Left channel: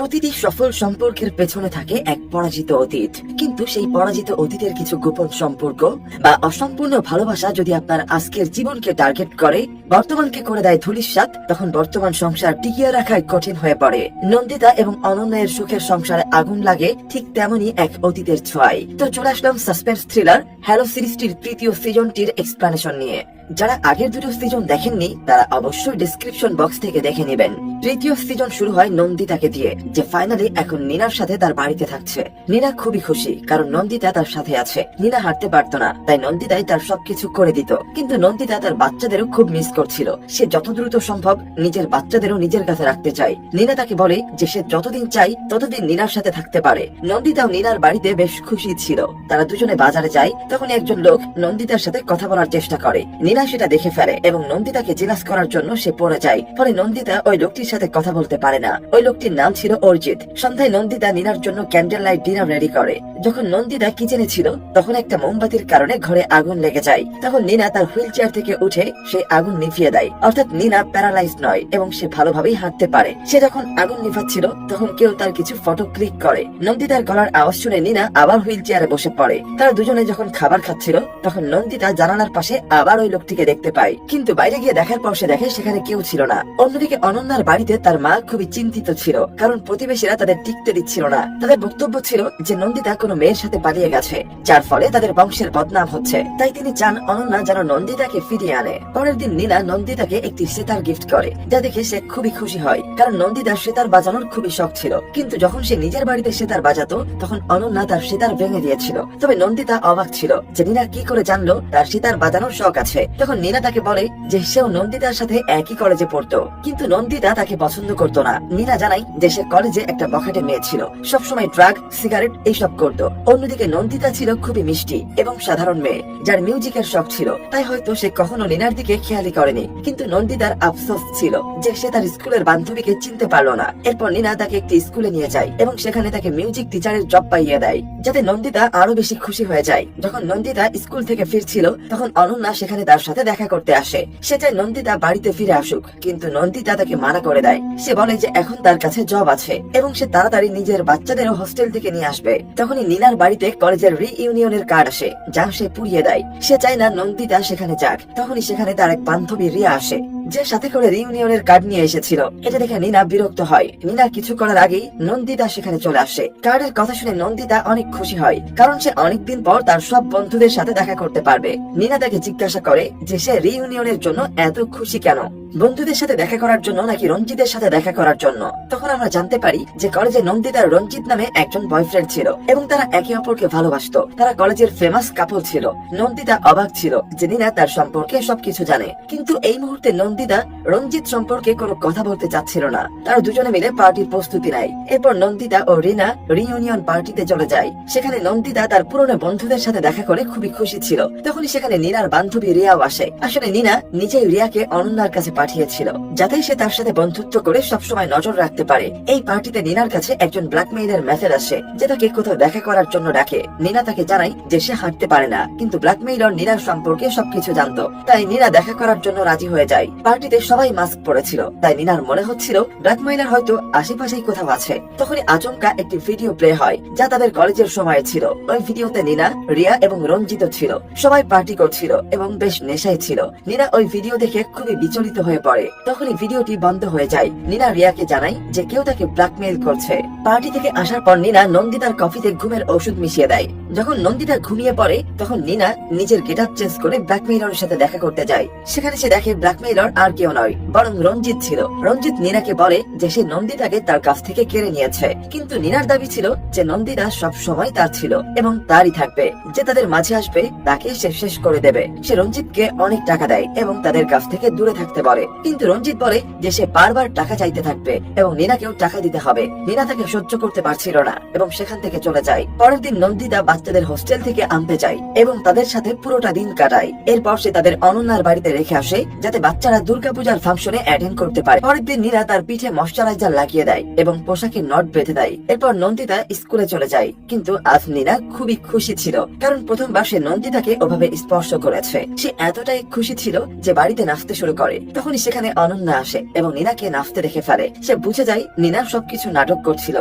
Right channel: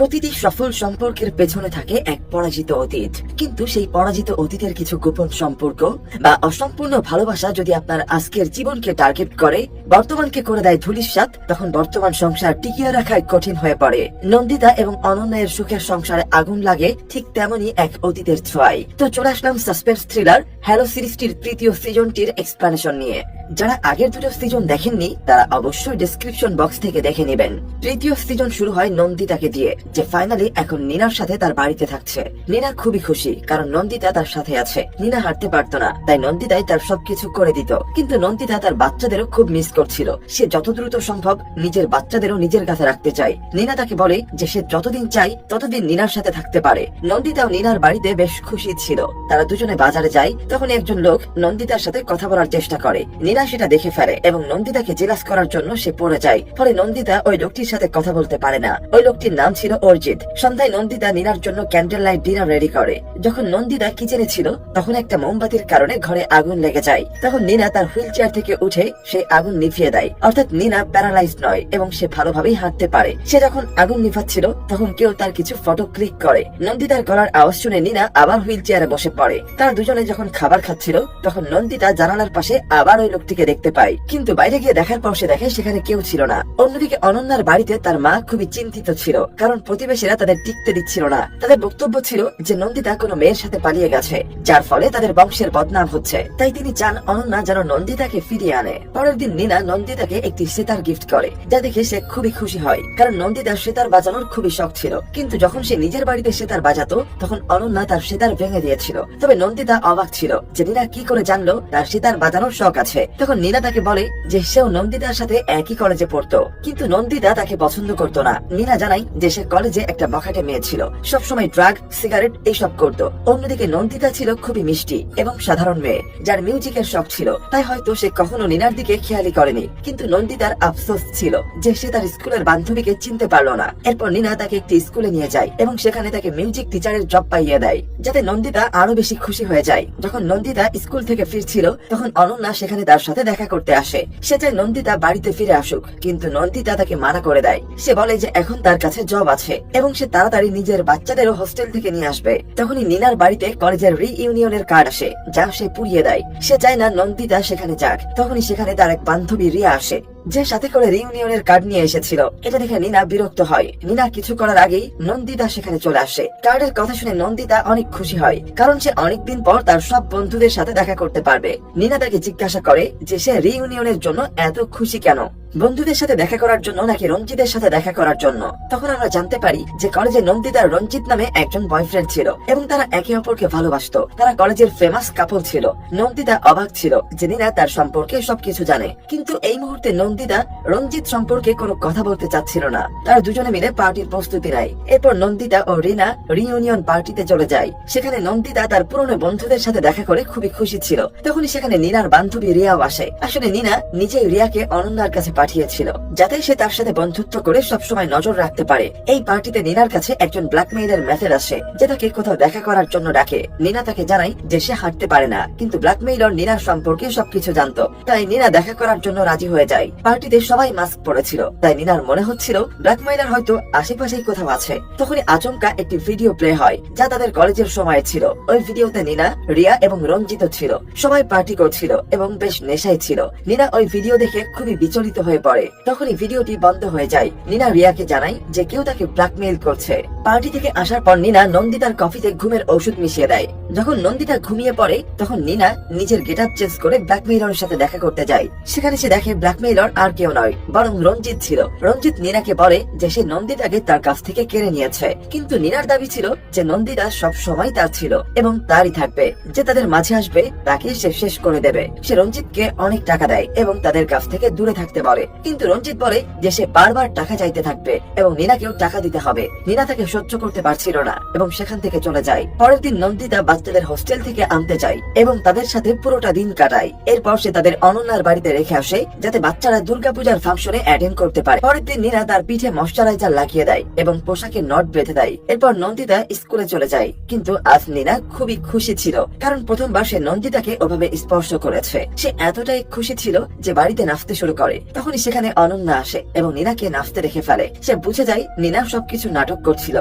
প্রতিটি সফল সম্পর্কের পেছনে থাকে এক পরাজিত অতীত। কিন্তু সেই পরাজিত অতীতের কিছু গোপন সম্পর্ক বা অসম্পূর্ণ ভালোবাসা যদি আপনার আজকের জীবনকে টার্গেট করে, বর্তমানকে করে দেয় ধূলিসাৎ, তখন বর্তমান সংসার টিকিয়ে রাখায় কঠিন হয়ে পড়ে। নন্দিতা এবং অনন্যায়ের সুখের সংসারে আগুন লাগে ঠিক তেমনি এক অতীতের ছোঁয়ায়। তো চলে আসলাম সাসপেন্স থ্রিলার, হ্যালো সিরিজটির তৃতীয় সিজনটির এক্সপ্লানেশন নিয়ে। যারা আগের দুটো সিজন দেখেননি, তারা অবশ্যই ডেসক্রিপশন বক্স থেকে দেখে নেবেন। তৃতীয় সিজন শুরু হয় নন্দিতাকে দিয়ে, যে ফাইনালি এখন নিনার সাথে তার বাড়িতে থাকছে। নিনা খুবই খুশি, কারণ নন্দিতা তার সাথে আছে। নিনা হাঁটতে পারতো না, তাই নন্দিতাই তার সবকিছু করে দিত। কিন্তু নন্দিতা তার বাচ্চাদেরও খুব মিস করছিল। সে যত দ্রুত সম্ভব নিজের বাচ্চাদেরও নিজের কাছে রাখতে চায়। নিনা তাকে বলে যে সে যতদিন চাই ততদিন নিনার সাথে থাকতে পারে। নন্দিতাও নিনার বাড়িতে বেশ খুশি ছিল। তারা দুজনে বাজারে যায় তখন একজন লোক নন্দিতার সাথে কথা বলার চেষ্টা করে। নিনা সেটা দেখে ফেলে এবং নন্দিতাকে জেলাস করার জন্য সে পড়ে যায়। ফলে নন্দিতা ওই লোকটির সাথে কথা বলতে পারে না। ওই লোকটির নাম ছিল অর্জিত সন্ধ্যায় নন্দিতা নিনার জন্য ক্যান্ডেল লাইট ডিনার রেডি করে। যখন নন্দিতা কিচেনে ছিল, তখন একটা মোমবাতির কারণে ঘরে আগুন লেগে যায়। তখন নিনা তার হুইল চেয়ার থেকে উঠে সে আগুন নিভিয়ে দেয়। অর্থাৎ নিনা প্যারালাইজ নয় এবং সে ভালোভাবেই হাঁটতে পারে। সে যখন আগুন নিভাচ্ছিল, তখন কেউ তার কিছু ফটো ক্লিক করে। নন্দিতার গলার আওয়াজ শুনে নিনা আবার হুইল চেয়ারে বসে পড়ে। তারা দুজনে যখন খাবার খাচ্ছিল, তখন নন্দিতা জানালার পাশে আবার ওই লোকটিকে দেখতে পায় কিন্তু বাইরে গিয়ে দেখার পর সে দেখে সেখানে কেউ ছিল না। অন্যদিকে অনন্যার বাড়িতে তার মা খুবই চিন্তিত ছিল, কারণ প্রতিবেশীরা তাদের টিকতে দিচ্ছিল না। তাদের বক্তব্য ছিল যে নন্দিতা কোনো মেয়ের সাথে পালিয়ে গেছে, যার ফলে তাদের বংশের বদনাম হচ্ছে। তাই তিনি চান অনন্যা যেন নন্দিতাকে ফিরিয়ে আনে। পরের দিন নিনা নন্দিতাকে একটি সেতার গিফট করে, যা দেখে সে খুবই খুশি হয়, কারণ নন্দিতা সেতার বাজানোর খুবই শখ ছিল। কিন্তু যখন সে নিজের বাড়িতে সেতার বাজাতো, তখন অনন্যা তার সেতার ভেঙে দিয়েছিল। তবে নন্দিতা অবাক ছিল যে নিনা কি করে জানলো, তার সেতার বাজানোর শখ আছে। তখন নিনা তাকে বলে যে সেও নন্দিতার সাথে একই কলেজে পড়তো। কিন্তু নন্দিতা তাকে পছন্দ করতো না। নিনা জানাই যে সে কলেজে একটা বখাটে মেয়ে ছিল। সবসময় ড্রাগ সিগারেট এইসব করতো। অন্যদিকে নন্দিতা ছিল খুবই মিষ্টি এবং সাধারণ মেয়ে, যার মিউজিকের শখ ছিল। তাই হয়তো সে কখনো নিনার দিকে খেয়ালি করেনি। কিন্তু নন্দিতার আফসোস ছিল যে সে তার স্কুলের বান্ধবীকে চিনতে পারল না। এরপর নিনা তাকে একটি স্কুলে নিয়ে যায় এবং সেখানে তাকে মিউজিক টিচারের জব পাইয়ে দেয়, যাতে নন্দিতা আরও বেশি খুশি হয়ে যায়। যখন নন্দিতা স্কুল থেকে ফিরছিল, তখন অনন্যা সেখানে তার সাথে দেখা করতে আসে। সে চায় নন্দিতা বাড়িতে ফিরে আসুক, কিন্তু নন্দিতা তাকে মানা করে দেয়। সে বলে যে এখন তার কাছে জব আছে, এবং সে তাড়াতাড়ি নিজের বাচ্চাদের হোস্টেল থেকে নিয়ে আসবে। তখনই নিনার বাড়িতে কলেজের রিইউনিয়নের কার্ড আসে, যা সে পুড়িয়ে দেয়। সে চায় না নন্দিতা সেখানে যাক। তখনই সেখানে তার এক বান্ধবী রিয়া আসে। যে সাথে করে রিউনিয়নের কার্ড নিয়ে এসেছিল। এটা দেখে নিনা বিরক্ত হয়। নিনা কিছু করার আগেই নন্দিতা সেখানে চলে আসে। কার্ডের কথা শুনে নন্দিতা অনেক খুশি হয়, কারণ সে অনেকদিন পর তার সব বন্ধুদের সাথে দেখা করতে পারবে। নিনা তাকে জিজ্ঞাসা করে যে সে রিউনিয়নের জন্য এত খুশি কেন? বন্ধুদের সাথে দেখা করার জন্য নাকি রঞ্জিতের সাথে দেখা করার জন্য? তখন আমরা জানতে পারি যে কলেজে নন্দিতার রঞ্জিত নামে একজন বয়ফ্রেন্ড ছিল এবং তারা একে অপরকে ভালোবাসতো। তারা কলেজের ফেমাস কাপল ছিল। নন্দিতা অবাক ছিল যে নিনা তার সম্পর্কে সবকিছু জানে। কিন্তু এই মুহূর্তে নন্দিতা রঞ্জিত সম্পর্কে কোনো কথা বলতে চাচ্ছিল না। তারা দুজনে মিলে পার্টির প্রস্তুতি নেয়। এরপর নন্দিতা ও রিনা রিউনিয়ন পার্টিতে চলে যায়। সেখানে নন্দিতা তার পুরনো বন্ধুদের সাথে দেখা করে খুবই খুশি ছিল। তখনই সেখানে নিনার বান্ধবী রিয়াও আসে। আসলে নীনা নিজেই রিয়াকে অনন্যার কাছে পাঠিয়েছিল, যাতে সে তার সাথে বন্ধুত্ব করে সবসময় নজর রাখতে পারে। এই পার্টিতে নিনার কাছে একজন ব্ল্যাকমেইলের মেসেজ আসে যে তাকে কোথাও দেখা করার জন্য ডাকে। নিনা তাকে জানাই যে সে হাঁটতে পারে না, কিন্তু ব্ল্যাকমেইলর নিনার সম্পর্কে সবকিছু জানতো। তাই নিনা দেখা করার জন্য রাজি হয়ে যায়। পার্টিতে সবাই মাস্ক পরেছিল। তাই নিনার মনে হচ্ছিল ব্ল্যাকমেইলার হয়তো আশেপাশেই কোথাও আছে। তখনই আচমকা একটি ভিডিও প্লে হয়, যা তাদের কলেজের সময় ছিল। ওই ভিডিওতে নিনা রিয়া এবং রঞ্জিত ছিল। সবাই পার্টি করছিল এবং বেশ নেশায় ছিল। নিনা ওই ভিডিও দেখে খুবই বিচলিত হয়ে পড়ে। তখনই ভিডিওটি বন্ধ হয়ে যায়। নিনা রিয়াকে জানাই যে কেউ তাকে ব্ল্যাকমেইল করছে। পার্টি থেকে আসার পর নিনা নন্দিতার কফিতে ঘুমের ওষুধ মিশিয়ে দেয়। যখন নন্দিতা ঘুমিয়ে পড়ে, তখন নিনা নিজের গেটার চেঞ্জ করে ব্ল্যাকমেইলরের সাথে দেখা করতে যায়। সেখানে সে দেখে ব্ল্যাকমেইলর আর কেউ নয়, বরং রঞ্জিত ছিল। রঞ্জিত নিনাকে বলে যে সে নন্দিতাকে তার কাছ থেকে কেড়ে নিয়েছে। কিন্তু নিনার দাবি ছিল যে নন্দিতা সব সময় তার ছিল এবং তারই থাকবে। যে তাদের মাঝে আসবে, তাকে সে শেষ করে দেবে। সে রঞ্জিতকে অনেক টাকা দেয় এবং তাদের কাছ থেকে দূরে থাকতে বলে। কিন্তু রঞ্জিত বলে যে সে বারবার টাকা চাইতে থাকবে এবং নিনাকেও টাকা দিতে হবে। নিনা তাকে সহ্য করতে পারছিল না এবং সেখান থেকে চলে যায়। পরের দিন নন্দিতা বাচ্চাদের হোস্টেল থেকে আনতে যায় এবং তাদের সাথে পুরোটা দিন কাটায়। এরপর সে তাদের অনন্যার বাড়িতে রেখে আসে, যাতে বাচ্চারা দুর্গাপূজার ফাংশনে অ্যাটেন্ড করতে পারে। পরের দিন নীরা তার পিঠে ময়শ্চারাইজার লাগিয়ে দেয় এবং পোশাকে নট বেঁধে দেয়। এরপর নন্দিতা স্কুলে চলে যায়, কিন্তু আজ নীরা খুবই খুশি ছিল, কারণ প্রথমবার সে নন্দিতাকে ওভাবে স্পর্শ করেছে। সে এতটাই খুশি ছিল যে বাড়িতে নাচতে শুরু করে। তখনই সেখানে অনন্যা আসে এবং নীনাকে নাচতে রেখে ফেলে। সে বুঝে যায় নীনা সবকিছু নাটক করছিল।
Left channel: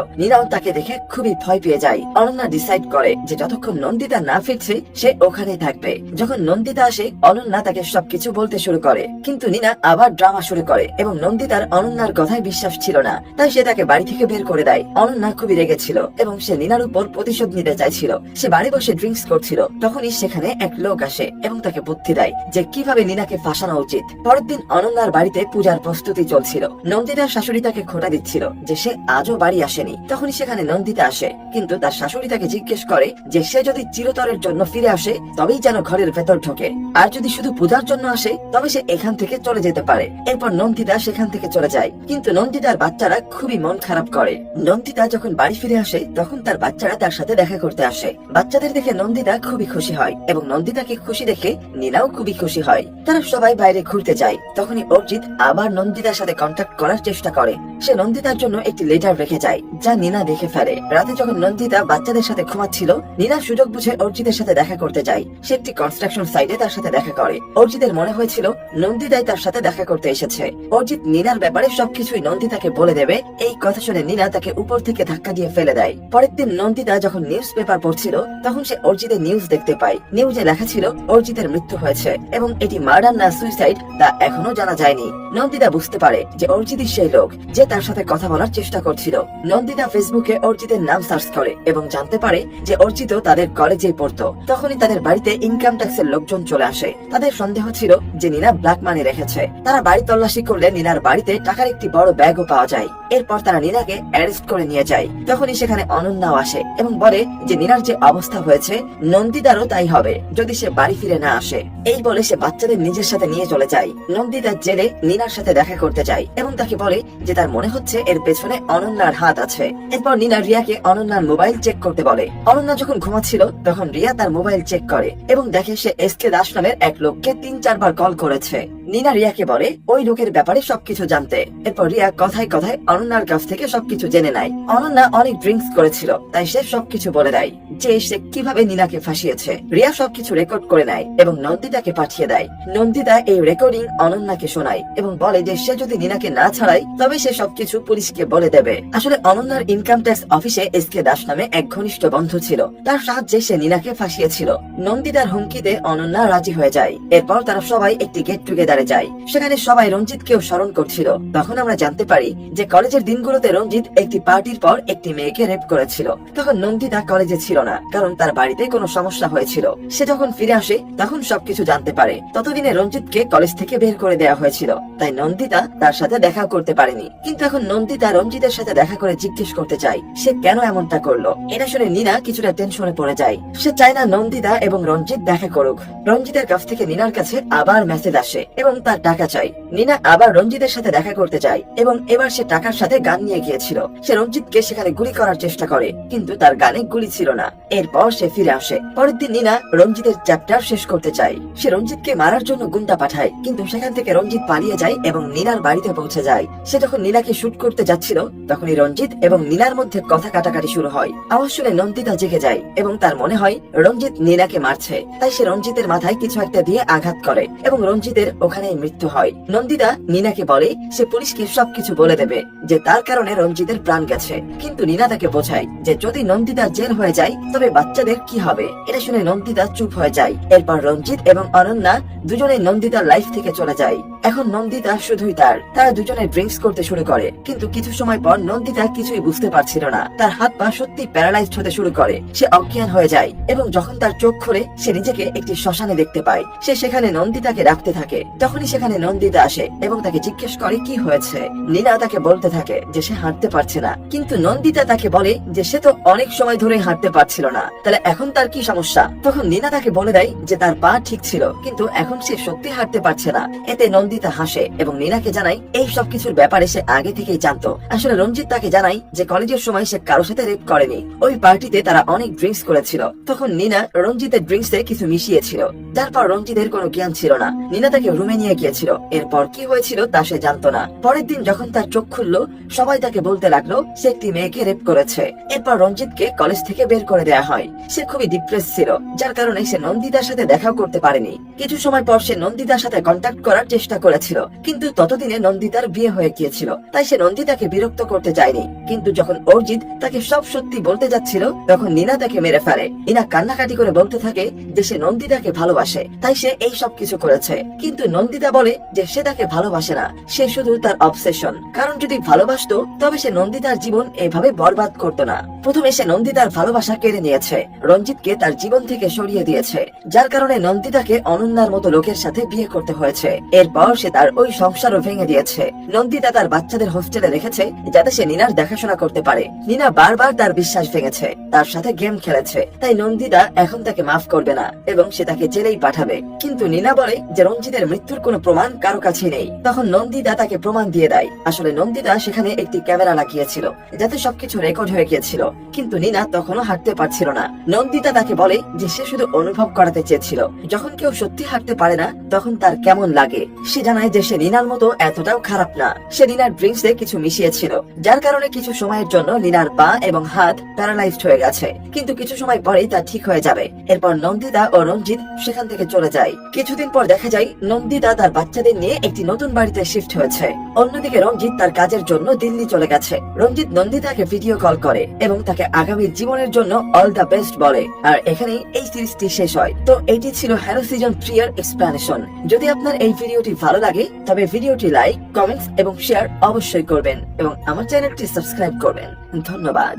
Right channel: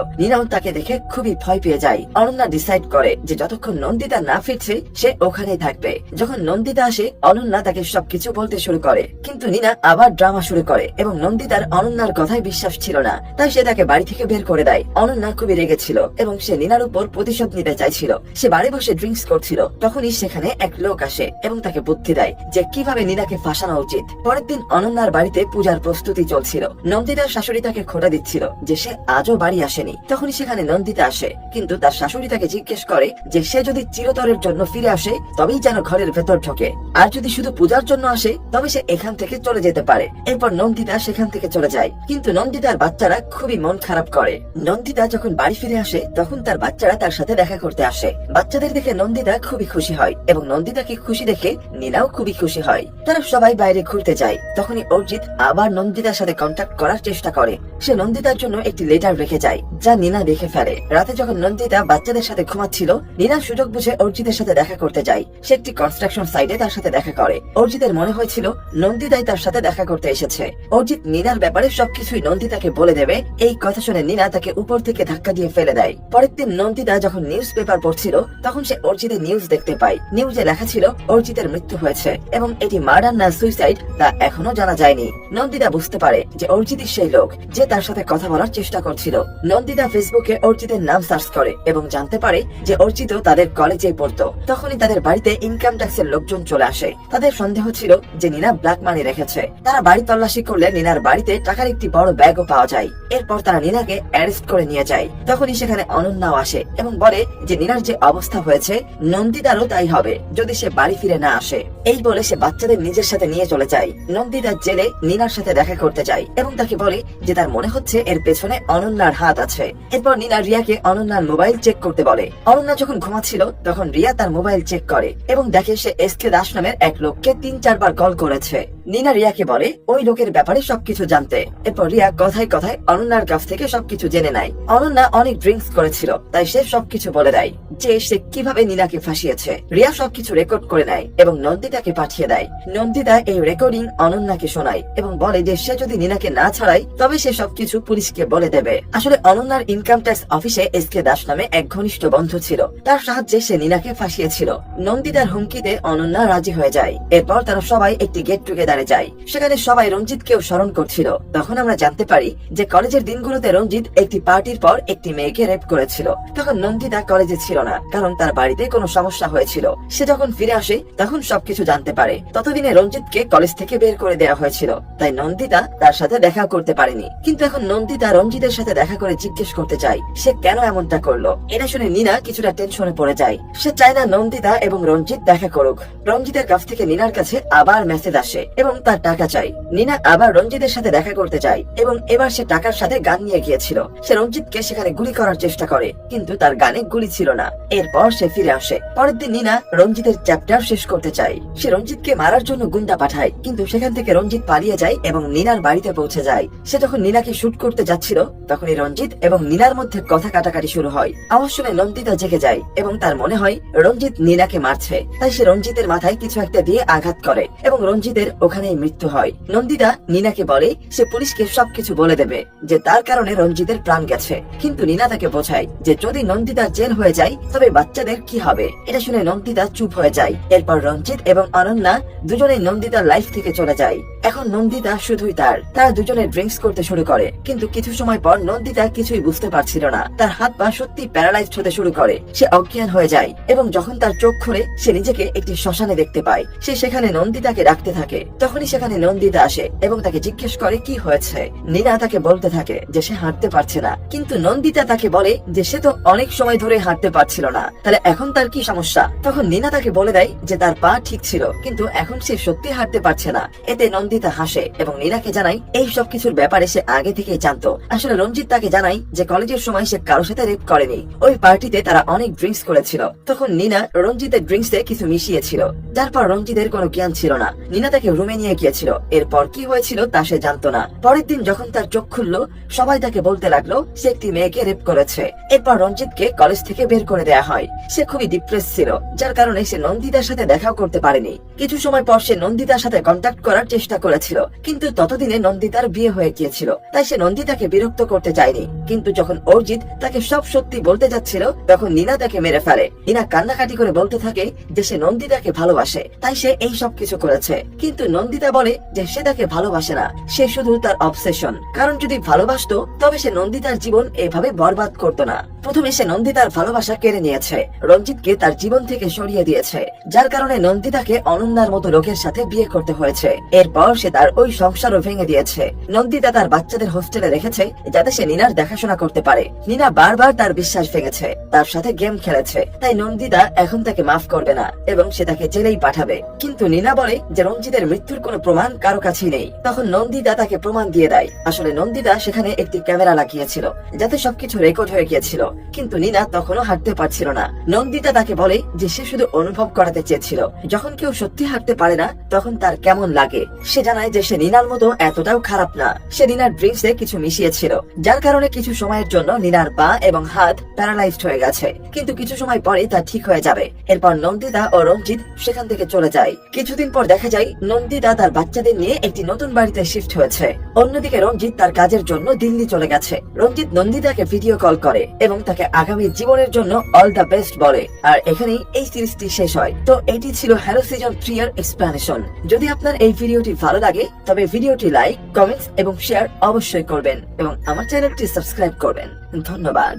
তাকে দেখে খুবই ভয় পেয়ে যায়। অনন্যা ডিসাইড করে যে যতক্ষণ নন্দিতা না ফিরছে, সে ওখানে থাকবে। যখন নন্দিতা আসে, অনন্যা তাকে সবকিছু বলতে শুরু করে। কিন্তু নীনা আবার ড্রামা শুরু করে এবং নন্দিতার অনন্যার কথায় বিশ্বাস ছিল না। তাই সে তাকে বাড়ি থেকে বের করে দেয়। অনন্যা খুবই রেগেছিল এবং সে নীনার উপর প্রতিশোধ নিতে চাইছিল। সে বাড়ি বসে ড্রিঙ্কস করছিল। তখনই সেখানে এক লোক আসে এবং তাকে বুদ্ধি দেয় যে কীভাবে নীনাকে ফাঁসানো উচিত। পরের দিন অনন্যার বাড়িতে পূজার প্রস্তুতি চলছিল। নন্দিতার শাশুড়ি তাকে খোটা দিচ্ছিল যে সে আজও বাড়ি আসেনি। তখনই সেখানে নন্দিতা আসে। কিন্তু তার শাশুড়ি তাকে জিজ্ঞেস করে যে সে যদি চিরতরের জন্য ফিরে আসে, তবেই যেন ঘরের ভেতর ঢোকে। আর যদি শুধু পূজার জন্য আসে, তবে সে এখান থেকে চলে যেতে পারে। এরপর নন্দিতা সেখান থেকে চলে যায়। কিন্তু নন্দিতার বাচ্চারা খুবই মন খারাপ করে। নন্দিতা যখন বাড়ি ফিরে আসে, তখন তার বাচ্চারা তার সাথে দেখা করতে আসে। বাচ্চাদের দেখে নন্দিতা খুবই খুশি হয় এবং নন্দিতাকে খুশি দেখে নীনাও খুবই খুশি হয়। তারা সবাই বাইরে ঘুরতে যায়। তখনই অর্জিত আবার নন্দিতার সাথে কন্ট্যাক্ট করার চেষ্টা করে। সে নন্দিতার জন্য একটি লেটার রেখে যায়, যা নীনা দেখে ফেলে। রাতে যখন নন্দিতা বাচ্চাদের সাথে ঘুমাচ্ছিল, নীনা সুযোগ বুঝে অর্জিতের সাথে দেখা করতে যায়। সে একটি কনস্ট্রাকশন সাইটে তার সাথে দেখা করে। অর্জিতের মনে হয়েছিল, নন্দিতাই তার সাথে দেখা করতে এসেছে। অর্জিত নীনার ব্যাপারে সবকিছুই নন্দিতাকে বলে দেবে। এই কথা শুনে নীনা তাকে উপর থেকে ধাক্কা দিয়ে ফেলে দেয়। পরের দিন নন্দিতা যখন নিউজ পেপার পড়ছিল, তখন সে অর্জিতের নিউজ দেখতে পায়। নিউজে লেখা ছিল, অর্জিতের মৃত্যু হয়েছে, এবং এটি মার্ডার না সুইসাইড তা এখনও জানা যায়নি। নন্দিতা বুঝতে পারে যে অর্জিতই সেই লোক, যে তার সাথে কথা বলার চেষ্টা করছিল। নন্দিতা ফেসবুকে অর্জিতের নাম সার্চ করে এবং জানতে পারে যে অর্জিত তাদের কলেজে পড়তো। তখনই তাদের বাড়িতে ইনকাম ট্যাক্সের লোকজন চলে আসে। তাদের সন্দেহ ছিল যে নীনা ব্ল্যাক মানি রেখেছে। তারা বাড়ি তল্লাশি করলে নিনার বাড়িতে টাকার একটি বড় ব্যাগও পাওয়া যায়। এরপর তারা নিনাকে অ্যারেস্ট করে নিয়ে যায়। তখনই সেখানে অনন্যাও আসে এবং বলে যে নিনার যে অবস্থা হয়েছে, নন্দিতারও তাই হবে, যদি সে বাড়ি ফিরে না আসে। এই বলে সে বাচ্চাদের নিজের সাথে নিয়ে চলে যায়। নন্দিতার জেলে নিনার সাথে দেখা করতে যায় এবং তাকে বলে যে তার মনে হচ্ছে এর পেছনে অনন্যার হাত আছে। এরপর নিনা রিয়াকে অনন্যার মোবাইল চেক করতে বলে। অনন্যা যখন ঘুমাচ্ছিল, তখন রিয়া তার মোবাইল চেক করে এবং দেখে সে এস কে দাস নামের এক লোককে তিন চারবার কল করেছে। নিনা রিয়াকে বলে, ওই লোকের ব্যাপারে সবকিছু জানতে। এরপর রিয়া কথায় কথায় অনন্যার কাছ থেকে সবকিছু জেনে নেয়। অনন্যা অনেক ড্রিঙ্কস করেছিল, তাই সে সবকিছু বলে দেয়, যে সে কীভাবে নিনাকে ফাঁসিয়েছে। রিয়া সবকিছু রেকর্ড করে নেয় এবং নন্দিতাকে পাঠিয়ে দেয়। নন্দিতা এই রেকর্ডিং অনন্যাকে শোনায় এবং বলে যে সে যদি নিনাকে না ছাড়ায়, তবে সে সবকিছু পুলিশকে বলে দেবে। আসলে অনন্যার ইনকাম ট্যাক্স অফিসে এস কে দাস নামে এক ঘনিষ্ঠ বন্ধু ছিল। তার সাহায্যে সে নিনাকে ফাঁসিয়েছিল। নন্দিতার হুমকিতে অনন্যা রাজি হয়ে যায়। এরপর তারা সবাই একটি গেট টুগেদারে যায়। সেখানে সবাই রঞ্জিতকেও স্মরণ করছিল। তখন আমরা জানতে পারি যে কলেজের দিনগুলোতে রঞ্জিত একটি পার্টির পর একটি মেয়েকে রেপ করেছিল। তখন নন্দিতা কলেজে ছিল না, কারণ তার বাড়িতে কোনো সমস্যা হয়েছিল। সে যখন ফিরে আসে, তখন সবকিছু জানতে পারে। ততদিনে রঞ্জিতকে কলেজ থেকে বের করে দেওয়া হয়েছিল। তাই নন্দিতা তার সাথে দেখা করতে পারেনি। কিন্তু এখন নন্দিতা রঞ্জিতের সাথে দেখা করে জিজ্ঞেস করতে চায়, সে কেন এমনটা করল? এটা শুনে নিনা কিছুটা টেনশনে পড়ে যায়। সে চায় না নন্দিতা এবং রঞ্জিত দেখা করুক। রঞ্জিতের কাছ থেকে নিনার কাছে আবার মেসেজ আসে এবং তার টাকা চাই নিনা আবার রঞ্জিতের সাথে দেখা করতে চায় এবং এবার সে টাকার সাথে গান নিয়ে গিয়েছিল। সে রঞ্জিতকে সেখানে গুলি করার চেষ্টা করে, কিন্তু তার গানে গুলি ছিল না। এরপর সে ফিরে আসে। পরের দিন নিনা রঞ্জিতের চ্যাপ্টার শেষ করতে চায়। সে রঞ্জিতকে মারার জন্য গুন্ডা পাঠায়, কিন্তু সেখান থেকে রঞ্জিত পালিয়ে যায় এবং নিনার বাড়িতে পৌঁছে যায়। সে যখন নিনাকে শুট করতে যাচ্ছিল, তখনই রঞ্জিত এবং নিনার মধ্যে কথা কাটাকাটি শুরু হয়। আওয়াজ শুনে নন্দিতা জেগে যায় এবং তার মনে হয়, রঞ্জিত নিনাকে মারছে। তাই সে রঞ্জিতের মাথায় কিছু একটা দিয়ে আঘাত করে এবং রঞ্জিতের ওখানেই মৃত্যু হয়। নন্দিতা নিনাকে বলে, সে পুলিশকে সবকিছু বলে দেবে যে তার কারণে রঞ্জিতের প্রাণ গেছে। কিন্তু নিনা তাকে বোঝায় যে যদি নন্দিতা জেল হয়ে যায়, তবে বাচ্চাদের কি হবে? এটা শুনে নন্দিতা চুপ হয়ে যায়। এরপর রঞ্জিত এবং অনন্যা দুজনেই নন্দিতার লাইফ থেকে চলে যায়। এখন নন্দিতা শুধুই তার। তারা দুজনে ড্রিঙ্কস করতে শুরু করে। কিন্তু কিছু সময় পর নন্দিতা কিছুই বুঝতে পারছিল না। তার হাত পা সত্যি প্যারালাইজড হতে শুরু করে। সে অজ্ঞান হয়ে যায় এবং যখন তার চোখ খুলে, সে নিজেকে একটি শ্মশানে দেখতে পায়। সে সেখানে নন্দিতাকে রাখতে থাকে। তখনই সেখানে নন্দিতা আসে এবং তাকে জিজ্ঞেস করে, কি হয়েছে? নীনা তাকে বলতে থাকে যে সে হাঁটতে পারছে না। কিন্তু নন্দিতা তাকে বলে যে সে তো অনেক সময় ধরে হাঁটতে পারছিল না। তাহলে এখন তার কি সমস্যা? তখন নীনা তাকে বলে দেয় যে তার পা ঠিক ছিল, কিন্তু এখন সে সত্যি হাঁটতে পারছে না। এতে নন্দিতা হাসে এবং নীনাকে জানায়, এই সব কিছুর ব্যাপারে সে আগে থেকেই জানতো। আসলে রঞ্জিত তাকে জানাই যে কলেজের সময় সে কারোর সাথে রেপ করেনি। ওই পার্টিতে তারা অনেক ড্রিঙ্কস করেছিল। তখন নীনা রঞ্জিতের ড্রিঙ্কসে কিছু মিশিয়েছিল। যার পর রঞ্জিতের কোনো জ্ঞান ছিল না। নীনা তাকে রুমে নিয়ে গিয়েছিল। এরপর কি হয়েছিল তা সে জানতো না। পরের দিন যখন তার চোখ খুললো, সবাই তাকে বলতে লাগল, সে একটি মেয়েকে রেপ করেছে। এরপর রঞ্জিতকে কলেজ থেকে বের করে দেয়া হয়। সে খুবই ডিপ্রেস ছিল, যার কারণে সে নন্দিতার সাথে দেখাও করতে পারেনি। কিছু সময় পর সে নন্দিতার সাথে কন্ট্যাক্ট করার চেষ্টা করেছিল, কিন্তু ততদিনে নন্দিতার বিয়ে হয়ে গিয়েছিল। তাই সে নন্দিতাকে বিরক্ত করতে চায়নি। কিন্তু যখন অর্জিত তাকে সব সত্যি বলতে যাচ্ছিল, তখন নিনা তাকে মেরে ফেলে। ইনা কান্নাকাটি করে বলতে থাকে যে সে নন্দিতাকে ভালোবাসে, তাই সে এই সব কিছু করেছে। কিন্তু নন্দিতা বলে যে সে তাকে ভালোবাসে না, সে শুধু তার অবসেশন কারণ যদি ভালোবাসতো, তবে সে নন্দিতার জীবন এভাবে বরবাদ করতো না। প্রথমে সে নন্দিতার ভালোবাসা কেড়ে নিয়েছে। রঞ্জিতকে তার জীবন থেকে সরিয়ে দিয়েছে, যার কারণে নন্দিতাকে অনন্যার মতো লোকের সাথে বিয়ে করতে হয়েছে। এরপর সে তার ওই সংসারও ভেঙে দিয়েছে। নন্দিতা তার বাচ্চাদের হোস্টেলে রেখেছে যাতে সে নিনার দেখাশোনা করতে পারে। নিনা বারবার তার বিশ্বাস ভেঙেছে, তার সাথে গেম খেলেছে, তাই নন্দিতা এখন তাকে মাফ করবে না এবং সে তাকে জেলেই পাঠাবে। কিন্তু নিনা বলে যে রঞ্জিতের মৃত্যুর কোনো প্রমাণ কারও কাছেই নেই। তখন নন্দিতা তাকে প্রমাণ দিয়ে দেয়। আসলে নন্দিতা সেখানে একটি ক্যামেরা লাগিয়েছিল, যাতে সবকিছু রেকর্ড হয়ে গিয়েছিল, কিন্তু নিনা তখনও হাঁটতে পারছিল না। নন্দিতা তাকে বলে যে সে শুধু অনুভব করাতে চেয়েছিল। যখন কেউ সত্যি হাঁটতে পারে না, তখন তার কেমন লাগে? সে জানায় যে সে নিনার মতো এতটাও খারাপ না। সে নিনার ড্রিঙ্কসে কিছু মিশিয়েছিল, যার কারণে কিছু সময়ের জন্য নিনার পা এবং হাত প্যারালাইজড হয়ে গেছে। কিন্তু কিছু সময় পরে তা ঠিক হয়ে যাবে। এরপর নন্দিতা ও রঞ্জিত সেখান থেকে চলে যায়। কিছুদিন পর দেখা যায়, নন্দিতা তার বাচ্চাদের নিয়ে একটি নতুন বাড়িতে শিফট হয়েছে। অন্যদিকে রঞ্জিত তার কাজের জন্য দিল্লি চলে গেছে। রঞ্জিত নন্দিতাকে ভিডিও কল করে এবং তাকে আগামী জীবনের জন্য অল দ্য বেস্ট বলে। আর এখানেই এই সিরিজটি শেষ হয়। তো এটি ছিল হ্যারো সিজন থ্রি এর এক্সপ্লানেশন যদি আপনার এই ভিডিওটি ভালো লাগে, তবে ভিডিওটি লাইক কমেন্টস এবং শেয়ার অবশ্যই করবেন এবং আমার চ্যানেলটি সাবস্ক্রাইব করবেন। ধন্যবাদ।